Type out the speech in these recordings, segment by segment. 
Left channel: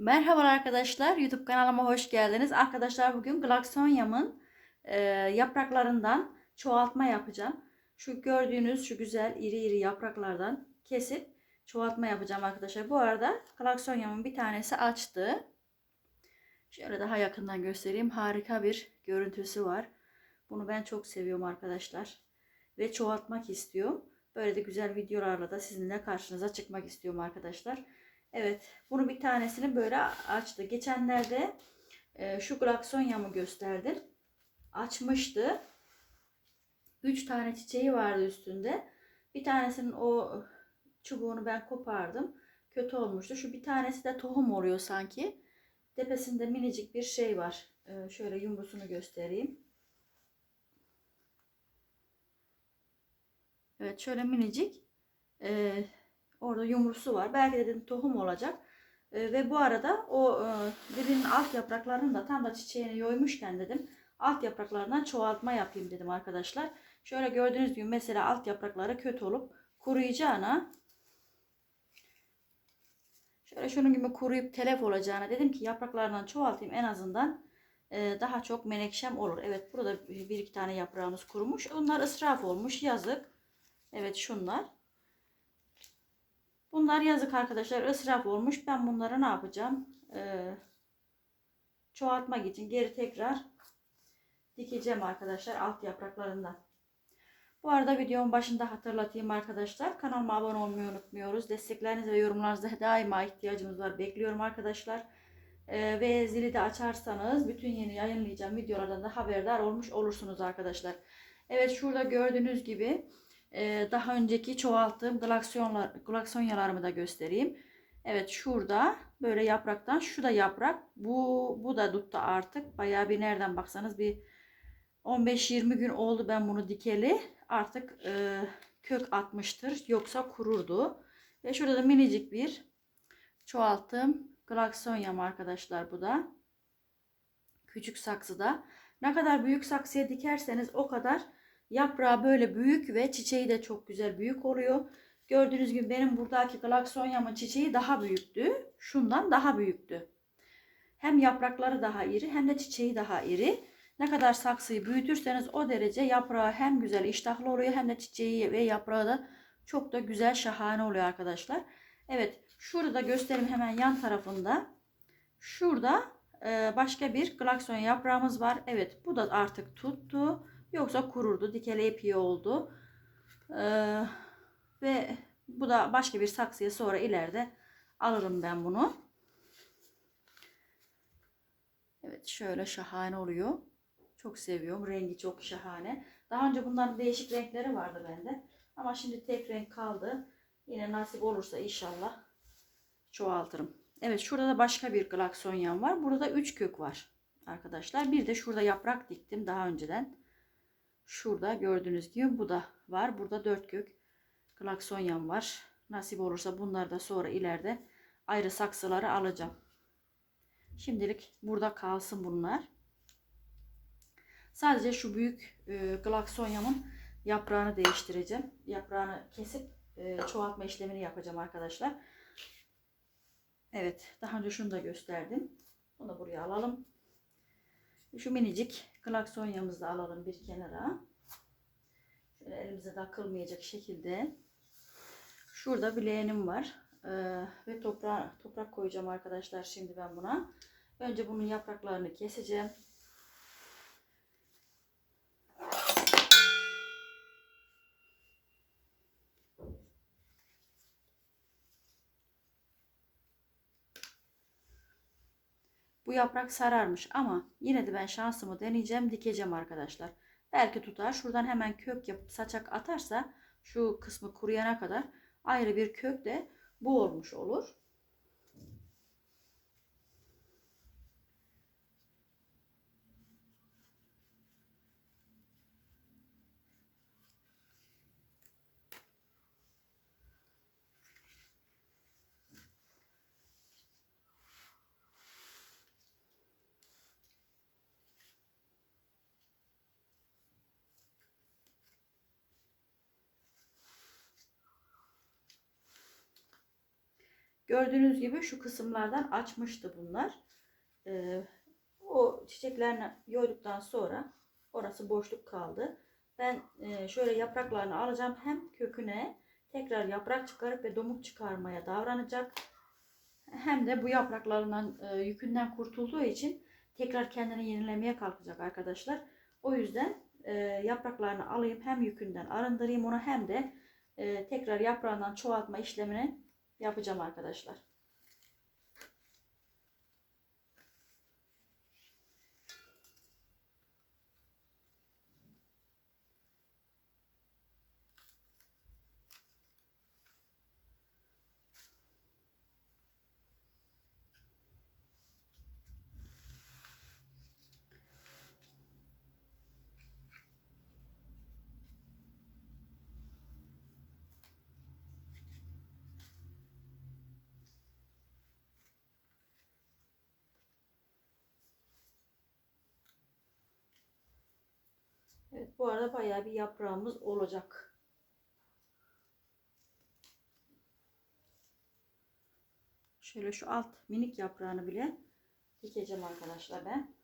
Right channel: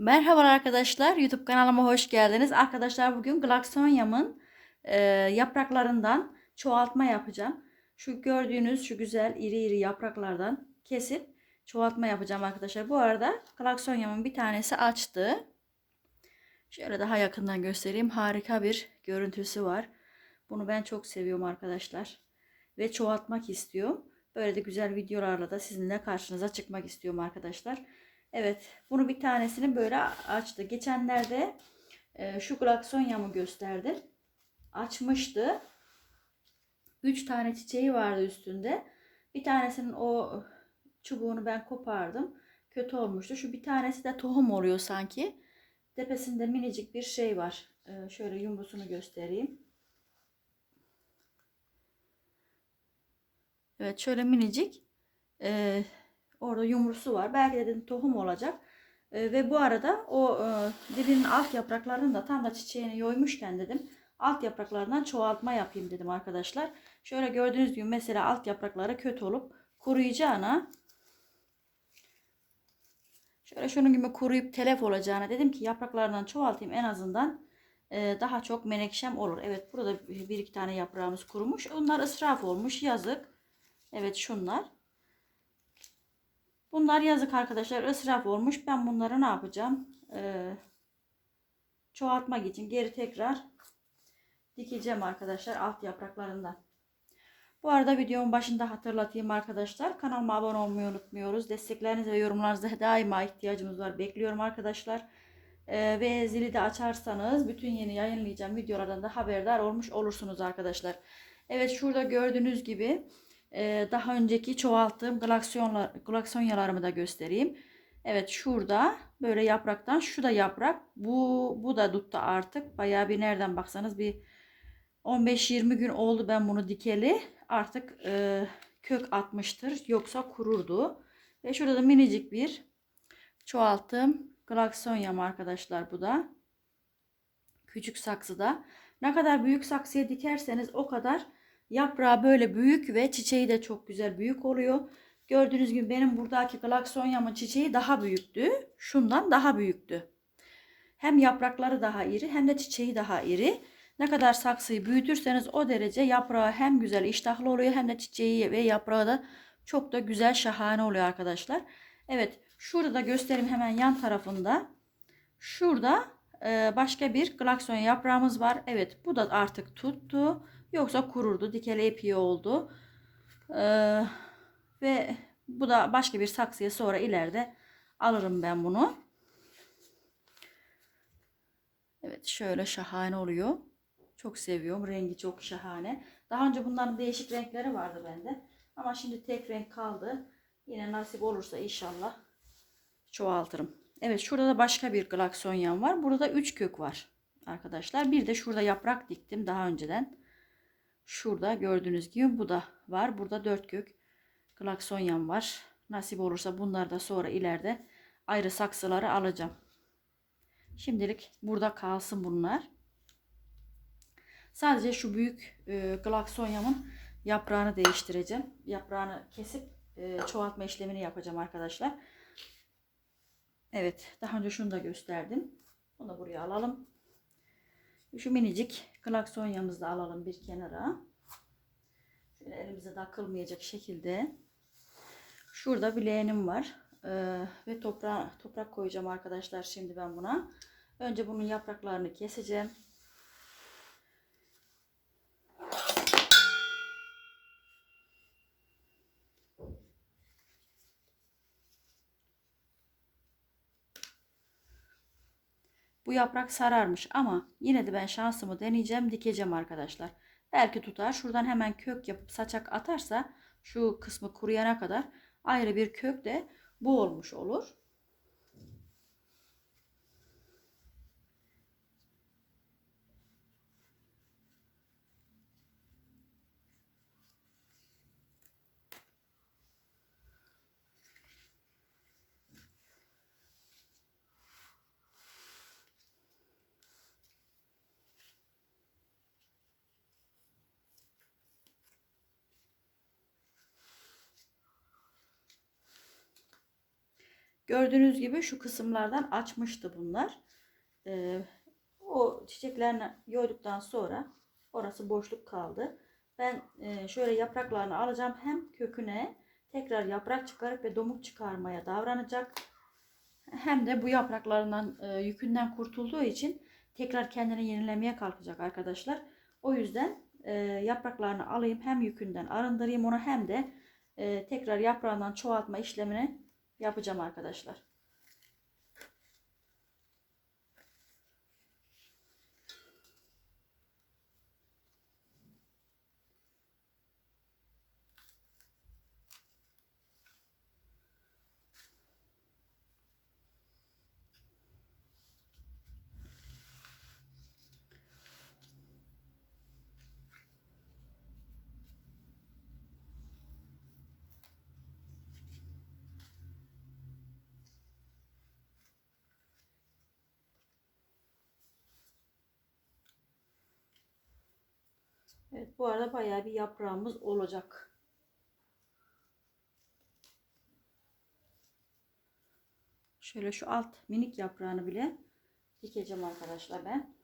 Merhaba arkadaşlar, YouTube kanalıma hoş geldiniz. Arkadaşlar bugün Glaxonium'un e, yapraklarından çoğaltma yapacağım. Şu gördüğünüz şu güzel iri iri yapraklardan kesip çoğaltma yapacağım arkadaşlar. Bu arada Glaxonium'un bir tanesi açtı. Şöyle daha yakından göstereyim. Harika bir görüntüsü var. Bunu ben çok seviyorum arkadaşlar. Ve çoğaltmak istiyorum. Böyle de güzel videolarla da sizinle karşınıza çıkmak istiyorum arkadaşlar. Evet, bunu bir tanesini böyle açtı. Geçenlerde e, şu glaksonyamı gösterdim. Açmıştı. 3 tane çiçeği vardı üstünde. Bir tanesinin o çubuğunu ben kopardım. Kötü olmuştu. Şu bir tanesi de tohum oluyor sanki. Tepesinde minicik bir şey var. E, şöyle yumrusunu göstereyim. Evet, şöyle minicik. E, Orada yumrusu var. Belki dedim tohum olacak. E, ve bu arada o e, dibinin alt yapraklarını da tam da çiçeğini yoymuşken dedim. Alt yapraklarından çoğaltma yapayım dedim arkadaşlar. Şöyle gördüğünüz gibi mesela alt yaprakları kötü olup kuruyacağına şöyle şunun gibi kuruyup telef olacağına dedim ki yapraklarından çoğaltayım en azından e, daha çok menekşem olur. Evet burada bir iki tane yaprağımız kurumuş. Onlar ısraf olmuş yazık. Evet şunlar. Bunlar yazık arkadaşlar ısraf olmuş. Ben bunları ne yapacağım? Ee, çoğaltmak için geri tekrar dikeceğim arkadaşlar alt yapraklarından. Bu arada videonun başında hatırlatayım arkadaşlar. Kanalıma abone olmayı unutmuyoruz. Destekleriniz ve yorumlarınıza daima ihtiyacımız var. Bekliyorum arkadaşlar. Ee, ve zili de açarsanız bütün yeni yayınlayacağım videolardan da haberdar olmuş olursunuz arkadaşlar. Evet şurada gördüğünüz gibi ee, daha önceki çoğalttığım glaksonyalarımı da göstereyim. Evet şurada böyle yapraktan şu da yaprak. Bu bu da dutta artık. Bayağı bir nereden baksanız bir 15-20 gün oldu ben bunu dikeli. Artık e, kök atmıştır. Yoksa kururdu. Ve şurada da minicik bir çoğalttığım glaksonyam arkadaşlar bu da. Küçük saksıda. Ne kadar büyük saksıya dikerseniz o kadar Yaprağı böyle büyük ve çiçeği de çok güzel büyük oluyor. Gördüğünüz gibi benim buradaki glaksonyamın çiçeği daha büyüktü. Şundan daha büyüktü. Hem yaprakları daha iri hem de çiçeği daha iri. Ne kadar saksıyı büyütürseniz o derece yaprağı hem güzel iştahlı oluyor hem de çiçeği ve yaprağı da çok da güzel şahane oluyor arkadaşlar. Evet şurada göstereyim hemen yan tarafında. Şurada başka bir glaksonya yaprağımız var. Evet bu da artık tuttu. Yoksa kururdu. Dikeli epiği oldu. Ee, ve bu da başka bir saksıya sonra ileride alırım ben bunu. Evet şöyle şahane oluyor. Çok seviyorum. Rengi çok şahane. Daha önce bunların değişik renkleri vardı bende. Ama şimdi tek renk kaldı. Yine nasip olursa inşallah çoğaltırım. Evet şurada da başka bir glaksonyan var. Burada 3 kök var arkadaşlar. Bir de şurada yaprak diktim daha önceden. Şurada gördüğünüz gibi bu da var. Burada dört kök klaksonyan var. Nasip olursa bunlar da sonra ileride ayrı saksıları alacağım. Şimdilik burada kalsın bunlar. Sadece şu büyük e, glaksonyamın yaprağını değiştireceğim. Yaprağını kesip e, çoğaltma işlemini yapacağım arkadaşlar. Evet daha önce şunu da gösterdim. Bunu buraya alalım. Şu minicik klaksonyamızı da alalım bir kenara. Şöyle elimize takılmayacak şekilde. Şurada bir leğenim var. Ee, ve toprağa, toprak koyacağım arkadaşlar şimdi ben buna. Önce bunun yapraklarını keseceğim. Bu yaprak sararmış ama yine de ben şansımı deneyeceğim dikeceğim arkadaşlar. Belki tutar. Şuradan hemen kök yapıp saçak atarsa şu kısmı kuruyana kadar ayrı bir kök de bu olmuş olur. Gördüğünüz gibi şu kısımlardan açmıştı bunlar. Ee, o çiçeklerini yoyduktan sonra orası boşluk kaldı. Ben e, şöyle yapraklarını alacağım. Hem köküne tekrar yaprak çıkarıp ve domuk çıkarmaya davranacak. Hem de bu yapraklarından e, yükünden kurtulduğu için tekrar kendini yenilemeye kalkacak arkadaşlar. O yüzden e, yapraklarını alayım hem yükünden arındırayım onu hem de tekrar yaprağından çoğaltma işlemini yapacağım arkadaşlar. Evet bu arada bayağı bir yaprağımız olacak. Şöyle şu alt minik yaprağını bile dikeceğim arkadaşlar ben.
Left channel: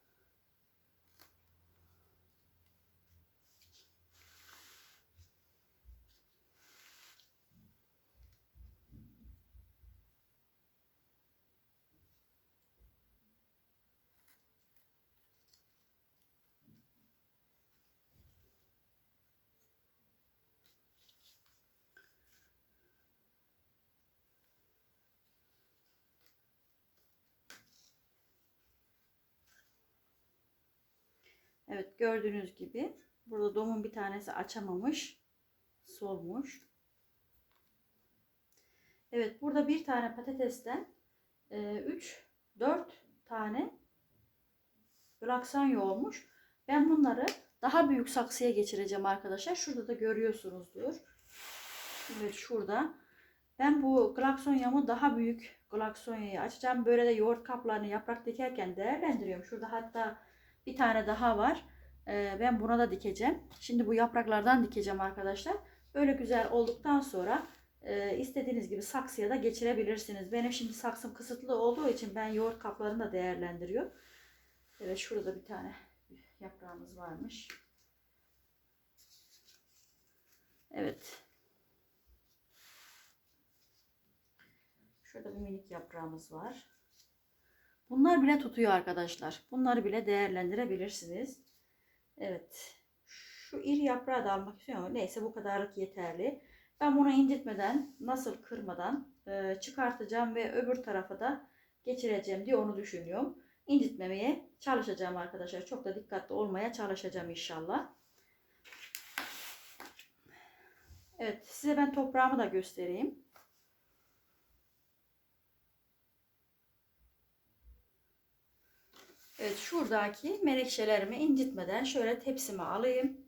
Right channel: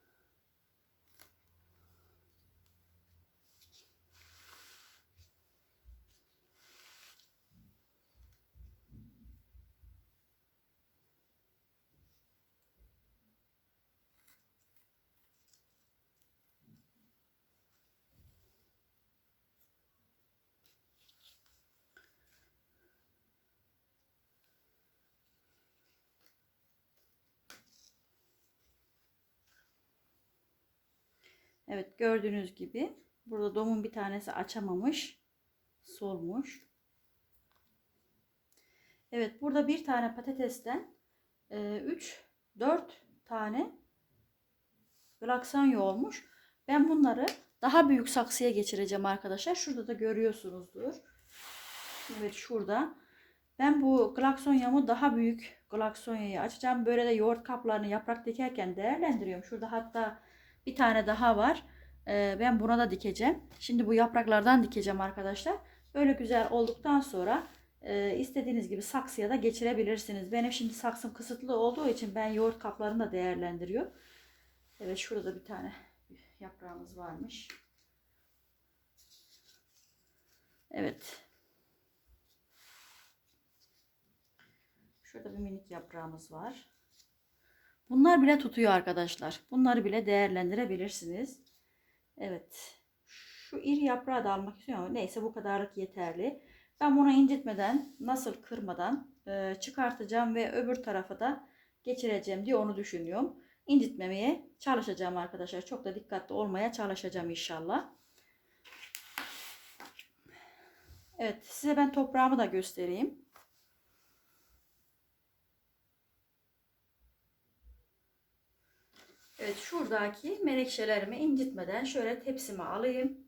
Evet gördüğünüz gibi burada domun bir tanesi açamamış. Solmuş. Evet burada bir tane patatesten 3 4 tane glakson olmuş. Ben bunları daha büyük saksıya geçireceğim arkadaşlar. Şurada da görüyorsunuzdur. Evet şurada. Ben bu glaksonyamı daha büyük glaksonyayı açacağım. Böyle de yoğurt kaplarını yaprak dikerken değerlendiriyorum. Şurada hatta bir tane daha var. Ee, ben buna da dikeceğim. Şimdi bu yapraklardan dikeceğim arkadaşlar. Böyle güzel olduktan sonra e, istediğiniz gibi saksıya da geçirebilirsiniz. Benim şimdi saksım kısıtlı olduğu için ben yoğurt kaplarını da değerlendiriyorum. Evet şurada bir tane yaprağımız varmış. Evet. Şurada bir minik yaprağımız var. Bunlar bile tutuyor arkadaşlar. Bunları bile değerlendirebilirsiniz. Evet. Şu iri yaprağı da almak istiyorum neyse bu kadarlık yeterli. Ben bunu incitmeden, nasıl kırmadan e, çıkartacağım ve öbür tarafa da geçireceğim diye onu düşünüyorum. İncitmemeye çalışacağım arkadaşlar. Çok da dikkatli olmaya çalışacağım inşallah. Evet size ben toprağımı da göstereyim. Evet şuradaki menekşelerimi incitmeden şöyle tepsime alayım.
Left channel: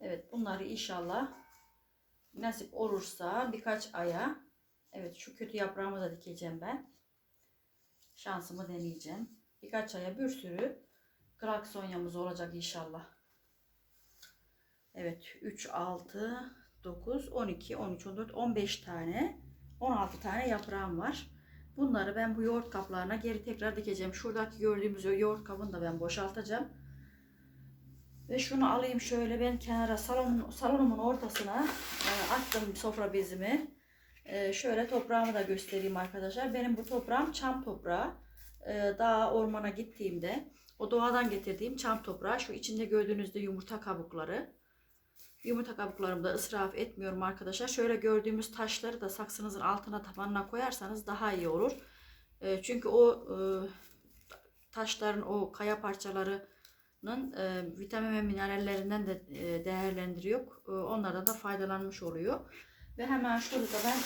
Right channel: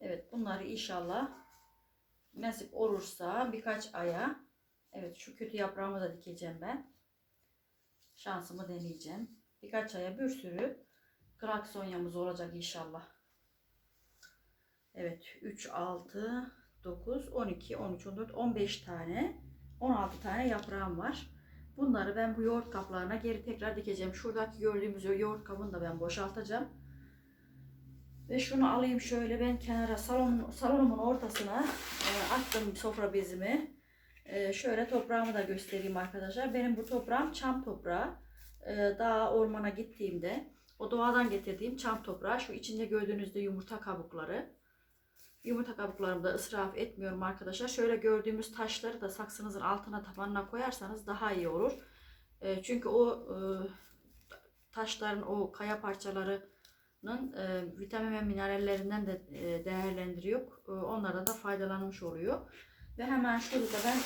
Evet bunları inşallah nasip olursa birkaç aya evet şu kötü yaprağımı da dikeceğim ben. Şansımı deneyeceğim. Birkaç aya bir sürü klaksonyamız olacak inşallah. Evet 3, 6, 9, 12, 13, 14, 15 tane 16 tane yaprağım var. Bunları ben bu yoğurt kaplarına geri tekrar dikeceğim. Şuradaki gördüğümüz o yoğurt kabını da ben boşaltacağım. Ve şunu alayım şöyle ben kenara salon, salonumun ortasına e, attım sofra bezimi. E, şöyle toprağımı da göstereyim arkadaşlar. Benim bu toprağım çam toprağı. E, daha ormana gittiğimde o doğadan getirdiğim çam toprağı. Şu içinde gördüğünüzde yumurta kabukları. Yumurta kabuklarımı da ısraf etmiyorum arkadaşlar. Şöyle gördüğümüz taşları da saksınızın altına tabanına koyarsanız daha iyi olur. E, çünkü o e, taşların o kaya parçalarının e, vitamin ve minerallerinden de e, değerlendiriyor. E, onlardan da faydalanmış oluyor. Ve hemen şurada da ben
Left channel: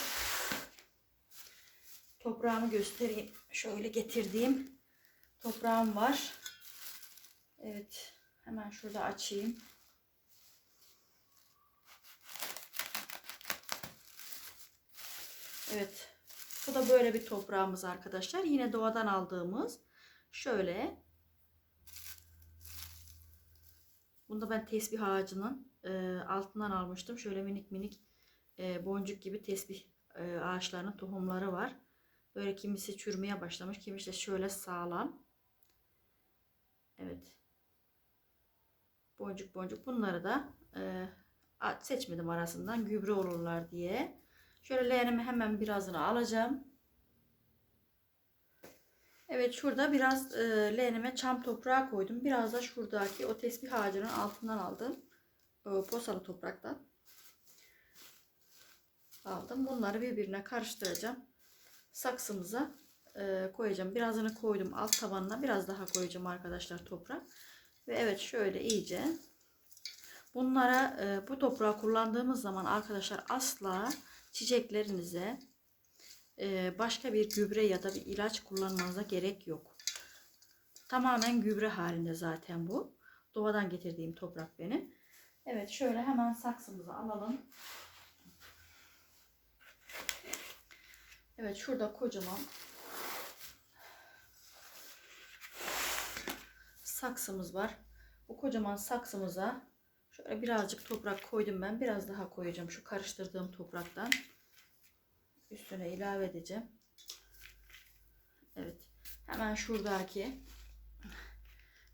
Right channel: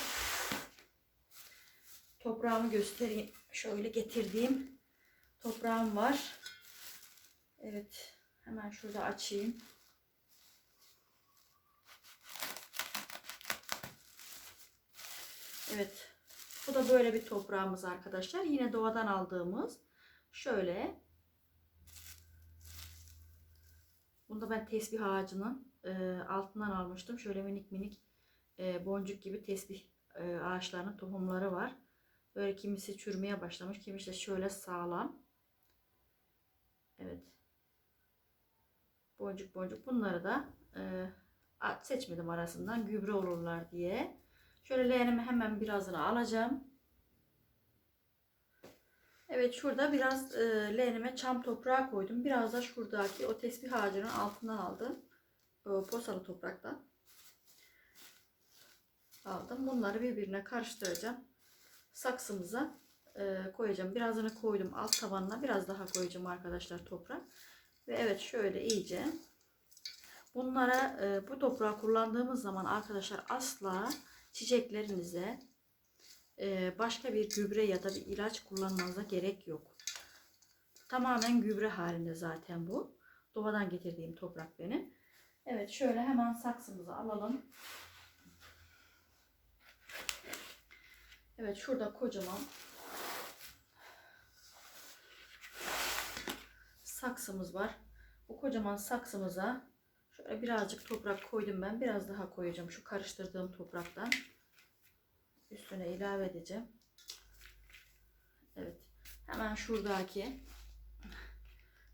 toprağımı göstereyim. Şöyle getirdiğim toprağım var. Evet. Hemen şurada açayım. Evet. Bu da böyle bir toprağımız arkadaşlar. Yine doğadan aldığımız şöyle Bunda ben tesbih ağacının e, altından almıştım. Şöyle minik minik e, boncuk gibi tesbih e, ağaçlarının tohumları var. Böyle kimisi çürümeye başlamış. Kimisi de şöyle sağlam. Evet. Boncuk boncuk. Bunları da e, seçmedim arasından. Gübre olurlar diye. Şöyle leğenimi hemen birazını alacağım. Evet şurada biraz e, leğenime çam toprağı koydum. Biraz da şuradaki o tesbih ağacının altından aldım. O posalı topraktan aldım. Bunları birbirine karıştıracağım. Saksımıza e, koyacağım. Birazını koydum alt tabanına. Biraz daha koyacağım arkadaşlar toprak. Ve evet şöyle iyice. Bunlara e, bu toprağı kullandığımız zaman arkadaşlar asla çiçeklerinize e, başka bir gübre ya da bir ilaç kullanmanıza gerek yok. Tamamen gübre halinde zaten bu. Doğadan getirdiğim toprak benim. Evet şöyle hemen saksımızı alalım. Evet şurada kocaman saksımız var. Bu kocaman saksımıza şöyle birazcık toprak koydum ben. Biraz daha koyacağım şu karıştırdığım topraktan. Üstüne ilave edeceğim. Evet. Hemen şuradaki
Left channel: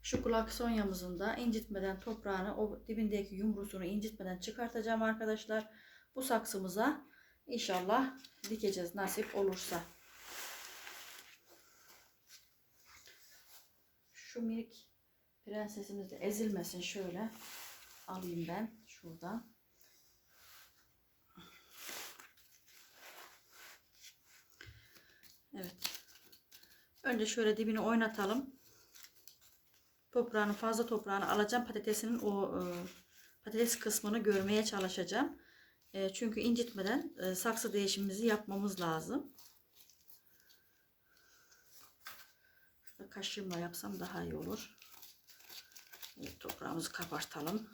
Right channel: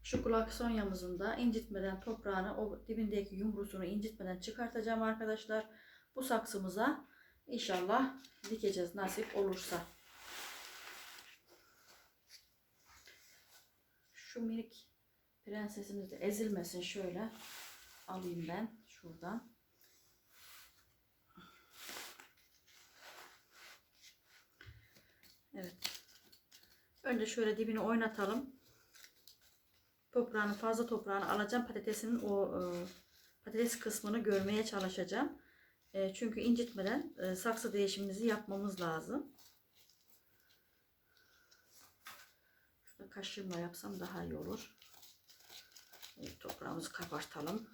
şu klaksonyamızın da incitmeden toprağını o dibindeki yumrusunu incitmeden çıkartacağım arkadaşlar. Bu saksımıza inşallah dikeceğiz nasip olursa. Şu minik prensesimiz de ezilmesin şöyle alayım ben şuradan. Evet. Önce şöyle dibini oynatalım. Toprağını fazla toprağını alacağım. Patatesinin o e, patates kısmını görmeye çalışacağım. E, çünkü incitmeden e, saksı değişimimizi yapmamız lazım. Şurada yapsam daha iyi olur. Evet, toprağımızı kabartalım.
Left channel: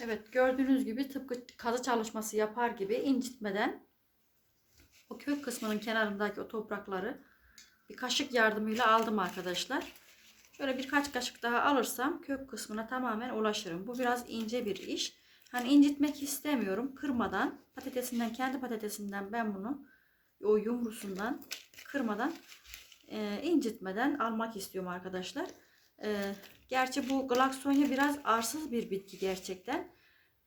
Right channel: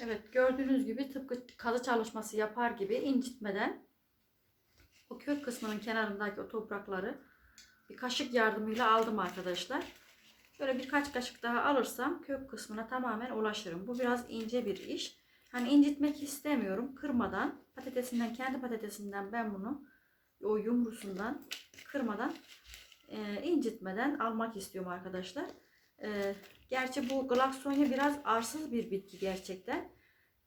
Evet gördüğünüz gibi tıpkı kazı çalışması yapar gibi incitmeden o kök kısmının kenarındaki o toprakları bir kaşık yardımıyla aldım arkadaşlar. Şöyle birkaç kaşık daha alırsam kök kısmına tamamen ulaşırım. Bu biraz ince bir iş. Hani incitmek istemiyorum. Kırmadan patatesinden kendi patatesinden ben bunu o yumrusundan kırmadan e, incitmeden almak istiyorum arkadaşlar. E, gerçi bu glaksonya biraz arsız bir bitki gerçekten.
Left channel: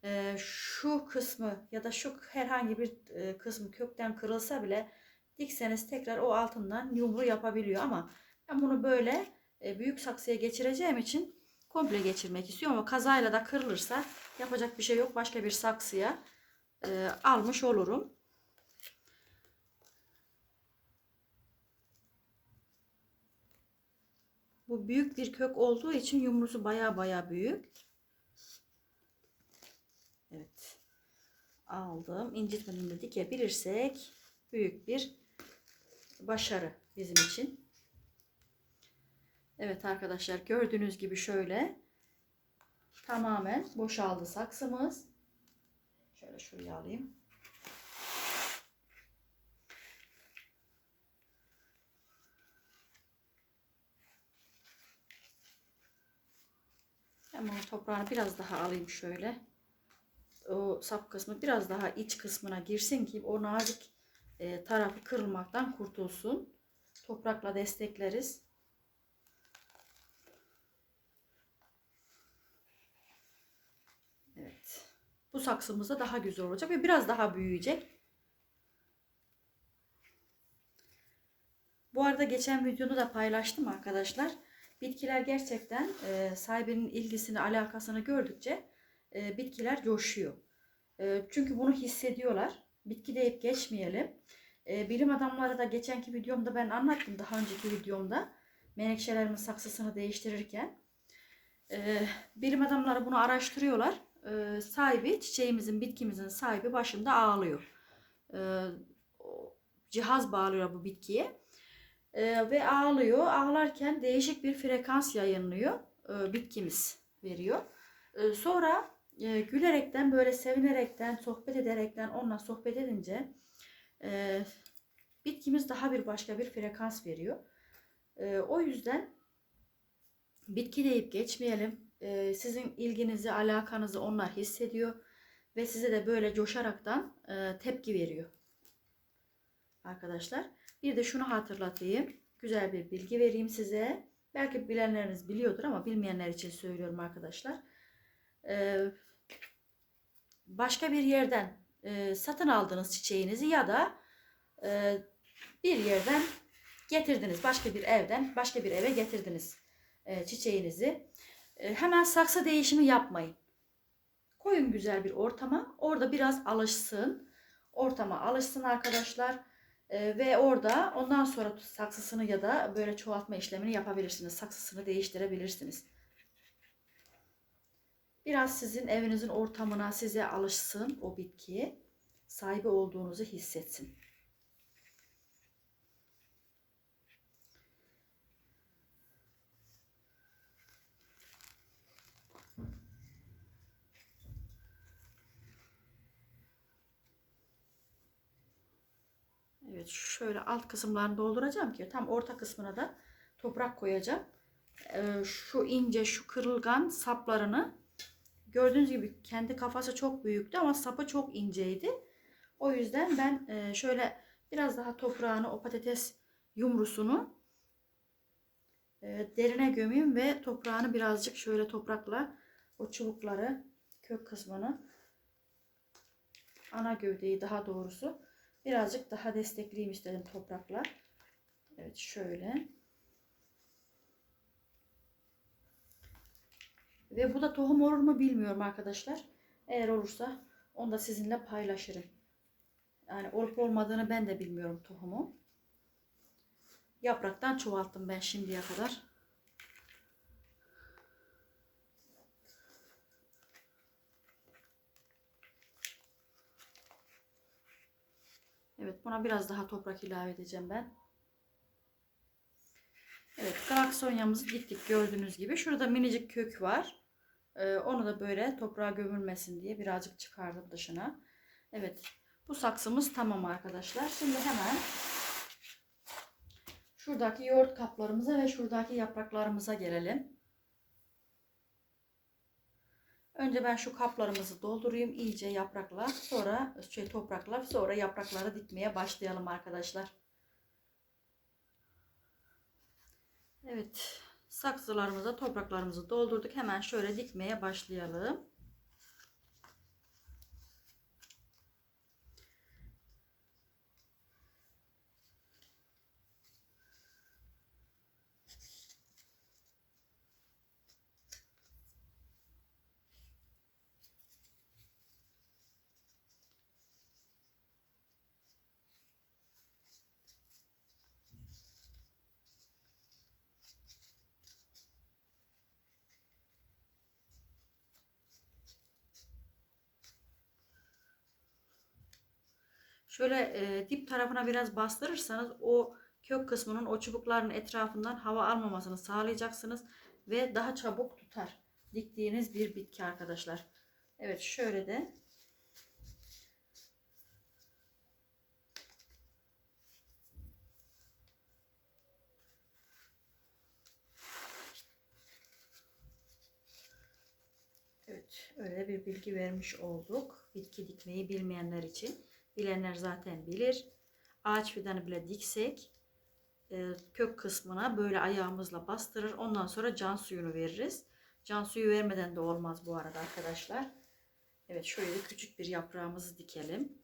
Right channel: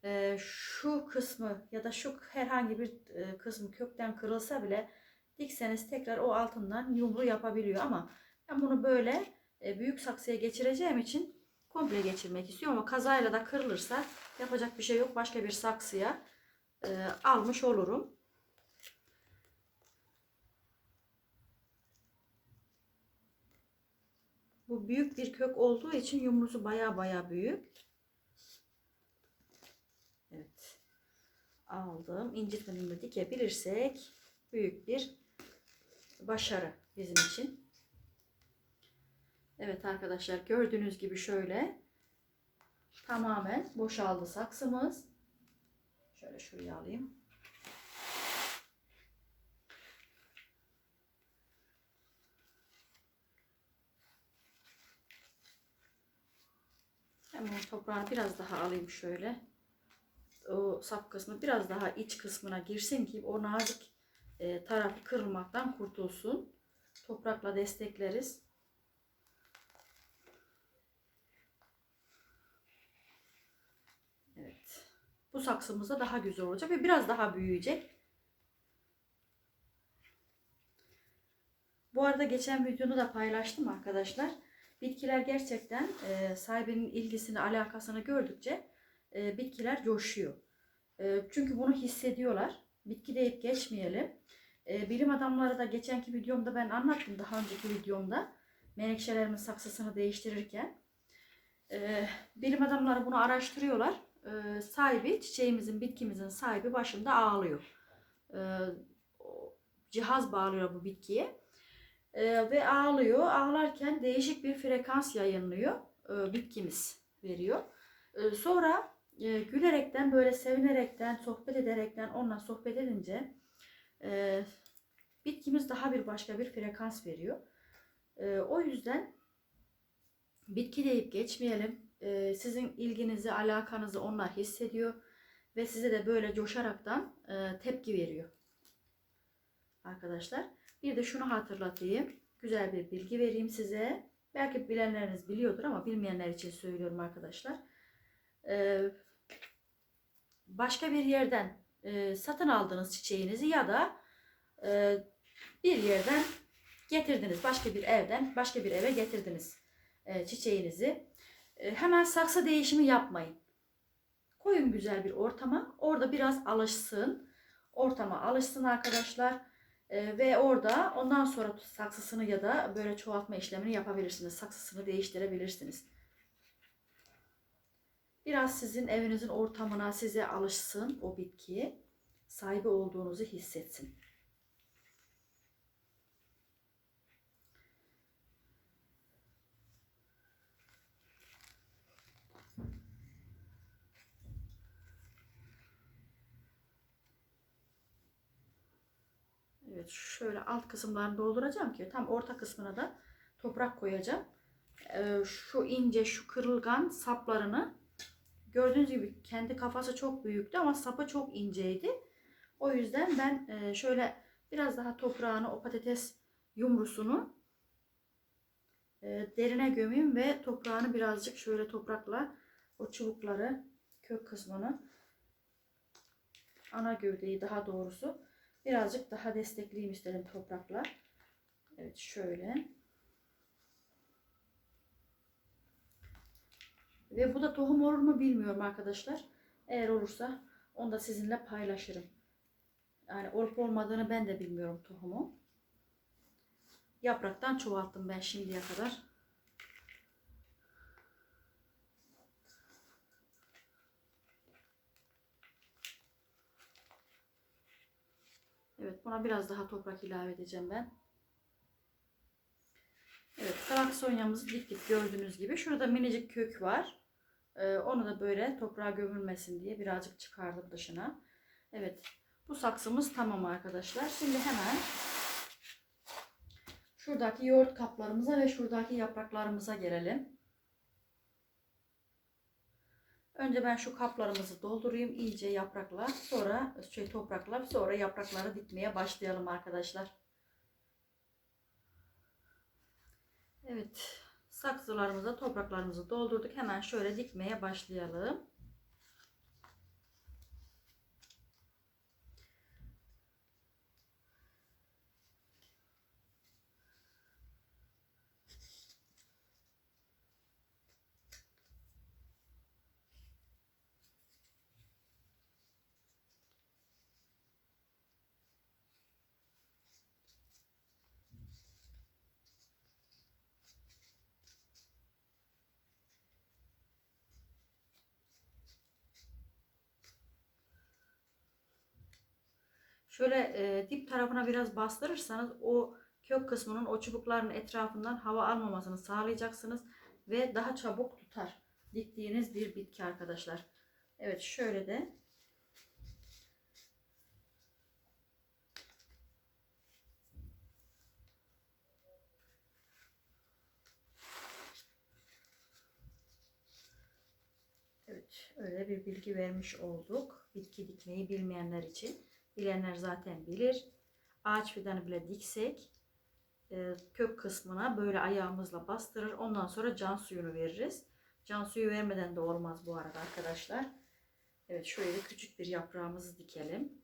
E, şu kısmı ya da şu herhangi bir e, kısmı kökten kırılsa bile dikseniz tekrar o altından yumru yapabiliyor ama ben bunu böyle e, büyük saksıya geçireceğim için komple geçirmek istiyorum ama kazayla da kırılırsa yapacak bir şey yok başka bir saksıya e, almış olurum. Büyük bir kök olduğu için yumrusu baya baya büyük. Evet. Aldım. İncitmeden de dikebilirsek büyük bir başarı bizim için. Evet arkadaşlar gördüğünüz gibi şöyle tamamen boşaldı saksımız. Şöyle şuraya alayım. Hemen toprağını biraz daha alayım şöyle. O sap kısmı biraz daha iç kısmına girsin ki o nazik e, tarafı kırılmaktan kurtulsun. Toprakla destekleriz. Evet. Bu saksımızda daha güzel olacak ve biraz daha büyüyecek. Bu arada geçen videoda da paylaştım arkadaşlar. Bitkiler gerçekten e, sahibinin ilgisini, alakasını gördükçe e, bitkiler coşuyor. E, çünkü bunu hissediyorlar. Bitki deyip geçmeyelim. E, bilim adamları da geçenki videomda ben anlattım daha önceki videomda. Menekşelerimin saksısını değiştirirken. E, bilim adamları bunu araştırıyorlar. E, sahibi, çiçeğimizin, bitkimizin sahibi başında ağlıyor. E, cihaz bağlıyor bu bitkiye. E, ve ağlıyor. Ağlarken değişik bir frekans yayınlıyor. E, bitkimiz veriyor. E, sonra e, gülerekten böyle sevinerekten sohbet ederekten onunla sohbet edince e, bitkimiz daha bir başka bir frekans veriyor. E, o yüzden bitki deyip geçmeyelim. E, sizin ilginizi, alakanızı onlar hissediyor ve size de böyle coşaraktan e, tepki veriyor. Arkadaşlar bir de şunu hatırlatayım. Güzel bir bilgi vereyim size. Belki bilenleriniz biliyordur ama bilmeyenler için söylüyorum arkadaşlar. Ee, başka bir yerden e, satın aldığınız çiçeğinizi ya da e, bir yerden getirdiniz. Başka bir evden başka bir eve getirdiniz e, çiçeğinizi. Hemen saksı değişimi yapmayın. Koyun güzel bir ortama. Orada biraz alışsın. Ortama alışsın arkadaşlar. E, ve orada ondan sonra saksısını ya da böyle çoğaltma işlemini yapabilirsiniz. Saksısını değiştirebilirsiniz. Biraz sizin evinizin ortamına size alışsın o bitkiye. Sahibi olduğunuzu hissetsin. Evet şöyle alt kısımlarını dolduracağım ki tam orta kısmına da toprak koyacağım. Ee, şu ince şu kırılgan saplarını gördüğünüz gibi kendi kafası çok büyüktü ama sapı çok inceydi. O yüzden ben e, şöyle biraz daha toprağını o patates yumrusunu e, derine gömeyim ve toprağını birazcık şöyle toprakla o çubukları kök kısmını ana gövdeyi daha doğrusu birazcık daha destekleyeyim istedim toprakla. Evet şöyle. Ve bu da tohum olur mu bilmiyorum arkadaşlar. Eğer olursa onu da sizinle paylaşırım. Yani olup olmadığını ben de bilmiyorum tohumu. Yapraktan çoğalttım ben şimdiye kadar. Evet buna biraz daha toprak ilave edeceğim ben. Evet fraksiyonyamızı diktik gördüğünüz gibi. Şurada minicik kök var. Ee, onu da böyle toprağa gömülmesin diye birazcık çıkardım dışına. Evet bu saksımız tamam arkadaşlar. Şimdi hemen şuradaki yoğurt kaplarımıza ve şuradaki yapraklarımıza gelelim. Önce ben şu kaplarımızı doldurayım iyice yaprakla. Sonra şey toprakla sonra yaprakları dikmeye başlayalım arkadaşlar. Evet. Saksılarımıza topraklarımızı doldurduk. Hemen şöyle dikmeye başlayalım. Şöyle e, dip tarafına biraz bastırırsanız o kök kısmının o çubukların etrafından hava almamasını sağlayacaksınız ve daha çabuk tutar diktiğiniz bir bitki arkadaşlar. Evet şöyle de Evet öyle bir bilgi vermiş olduk. Bitki dikmeyi bilmeyenler için. Bilenler zaten bilir. Ağaç fidanı bile diksek e, kök kısmına böyle ayağımızla bastırır. Ondan sonra can suyunu veririz. Can suyu vermeden de olmaz bu arada arkadaşlar. Evet şöyle küçük bir yaprağımızı dikelim.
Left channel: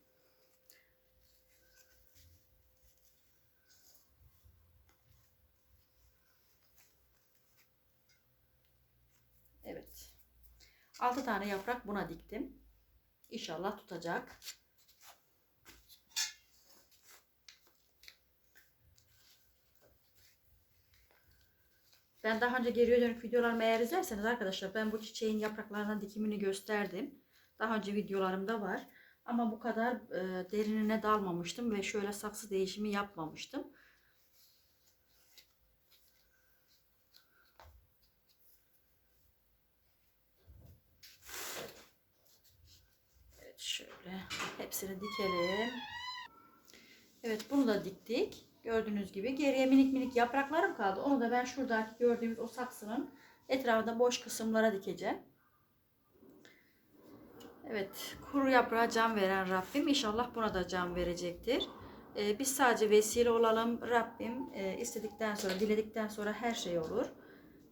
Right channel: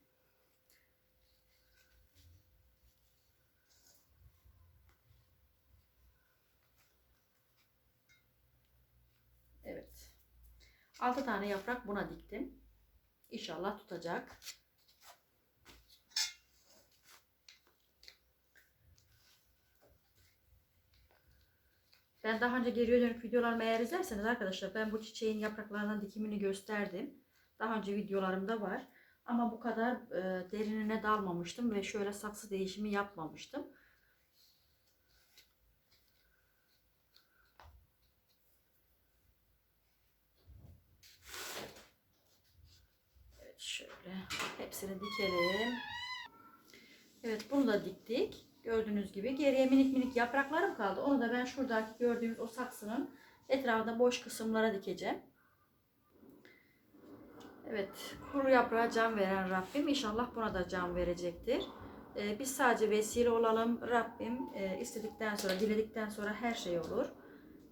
Evet. 6 tane yaprak buna diktim. İnşallah tutacak. Ben daha önce geriye dönük videolarımı eğer izlerseniz arkadaşlar ben bu çiçeğin yapraklarının dikimini gösterdim. Daha önce videolarımda var. Ama bu kadar e, derinine dalmamıştım ve şöyle saksı değişimi yapmamıştım. Evet şöyle hepsini dikelim. Evet bunu da diktik. Gördüğünüz gibi geriye minik minik yapraklarım kaldı. Onu da ben şuradaki gördüğümüz o saksının etrafında boş kısımlara dikeceğim. Evet kuru yaprağa can veren Rabbim inşallah buna da can verecektir. Ee, biz sadece vesile olalım. Rabbim e, istedikten sonra, diledikten sonra her şey olur.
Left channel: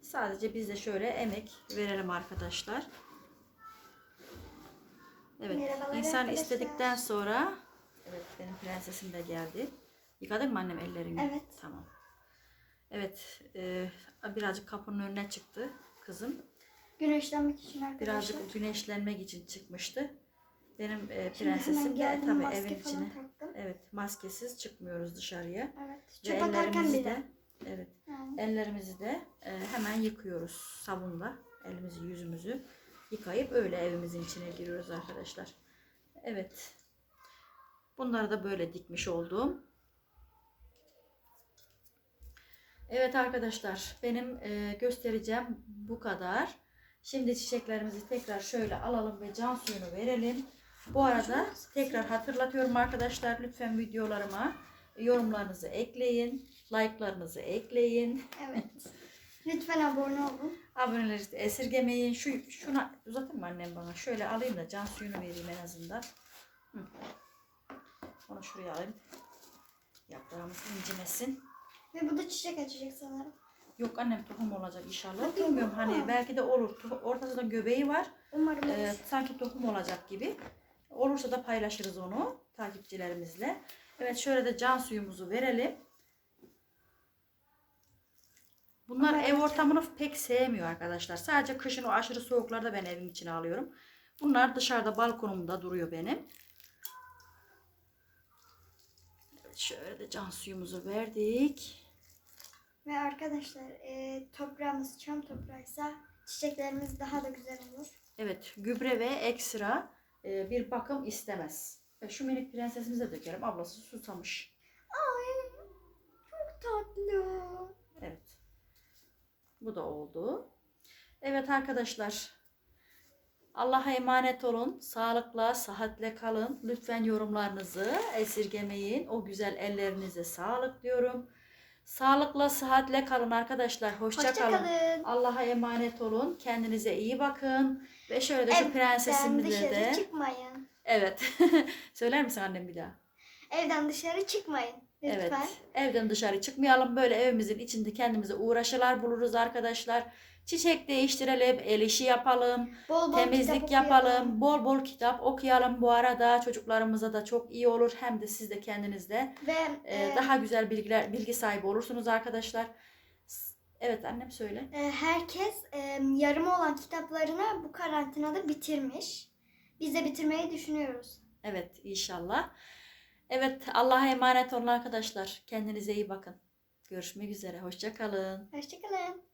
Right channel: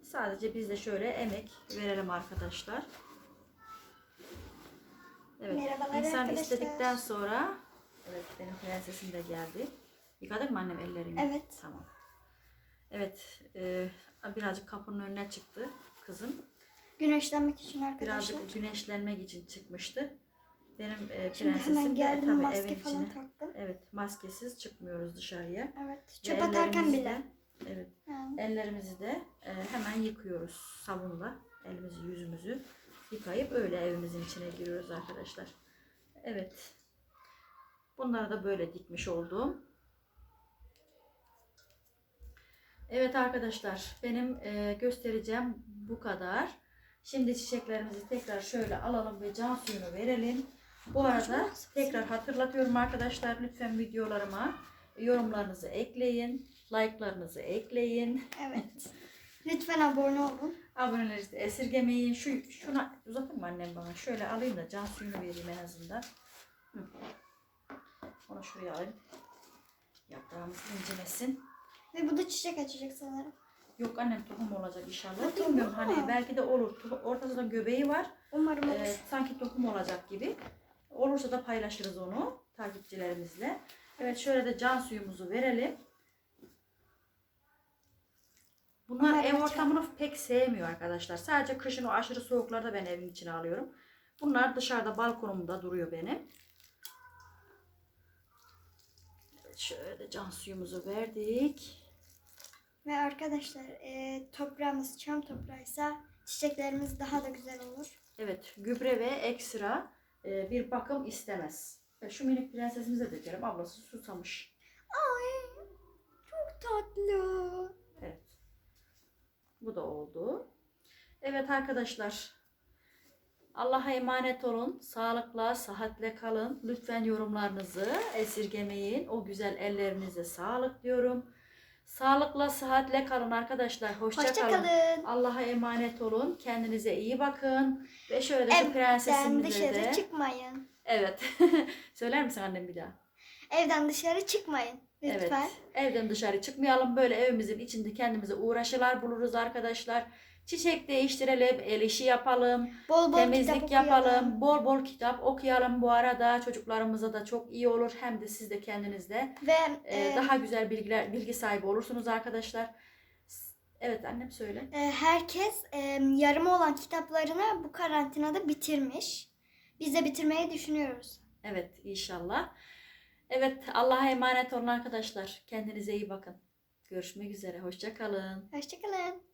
Sadece biz de şöyle emek verelim arkadaşlar. Evet. Merhabalar insan arkadaşlar. istedikten sonra evet benim prensesim de geldi. Yıkadın mı annem ellerimi? Evet. Tamam. Evet, e, birazcık kapının önüne çıktı kızım. Güneşlenmek için arkadaşlar. Birazcık güneşlenmek için çıkmıştı. Benim e, Şimdi prensesim de tabii maske evin falan içine. taktım. Evet, maskesiz çıkmıyoruz dışarıya. Evet. Ve Çöp atarken bile. de, evet, Ha. ellerimizi de e, hemen yıkıyoruz sabunla. Elimizi, yüzümüzü yıkayıp öyle evimizin içine giriyoruz arkadaşlar. Evet. Bunları da böyle dikmiş oldum. Evet arkadaşlar benim e, göstereceğim bu kadar. Şimdi çiçeklerimizi tekrar şöyle alalım ve can suyunu verelim. Bu arada tekrar hatırlatıyorum arkadaşlar lütfen videolarıma yorumlarınızı ekleyin, like'larınızı ekleyin. Evet. Lütfen abone olun. Aboneleri de esirgemeyin. Şu şuna uzatın mı annem bana? Şöyle alayım da can suyunu vereyim en azından. Hı. Onu şuraya alayım. Yaprağımız incimesin. Ve bu da çiçek açacak sanırım. Yok annem tohum olacak inşallah. Bilmiyorum hani belki de olur. To- Ortasında göbeği var. Umarım olur. Ee, sanki tohum olacak gibi. Olursa da paylaşırız onu takipçilerimizle. Evet şöyle de can suyumuzu verelim. Bunlar Umarım ev çok- ortamını pek sevmiyor arkadaşlar. Sadece kışın o aşırı soğuklarda ben evin içine alıyorum. Bunlar dışarıda balkonumda duruyor benim. Evet, şöyle de can suyumuzu verdik. Ve arkadaşlar e, toprağımız çam toprağıysa çiçeklerimiz daha da güzel olur. Evet gübre ve ekstra e, bir bakım istemez. E, şu minik prensesimize dökelim. Ablası susamış. Ay çok tatlı. Evet. Bu da oldu. Evet arkadaşlar. Allah'a emanet olun. Sağlıkla, sıhhatle kalın. Lütfen yorumlarınızı esirgemeyin. O güzel ellerinize sağlık diyorum. Sağlıkla, sıhhatle kalın arkadaşlar. Hoşça, kalın. Hoşçakalın. Allah'a emanet olun. Kendinize iyi bakın. Ve şöyle Evden prensesimize dışarı de. çıkmayın. Evet. Söyler misin annem bir daha? Evden dışarı çıkmayın. Lütfen. Evet. Evden dışarı çıkmayalım. Böyle evimizin içinde kendimize uğraşılar buluruz arkadaşlar. Çiçek değiştirelim, el işi yapalım, Bol bol temizlik yapalım, okuyalım. bol bol kitap okuyalım bu arada. Çocuklarımıza da çok iyi olur. Hem de siz de kendinizde Ve e, e, daha güzel bilgiler, bilgi sahibi olursunuz arkadaşlar. Evet annem söyle. e, herkes e, yarım olan kitaplarını bu karantinada bitirmiş. Biz de bitirmeyi düşünüyoruz. Evet inşallah. Evet Allah'a emanet olun arkadaşlar. Kendinize iyi bakın. Görüşmek üzere. Hoşça kalın. Hoşçakalın.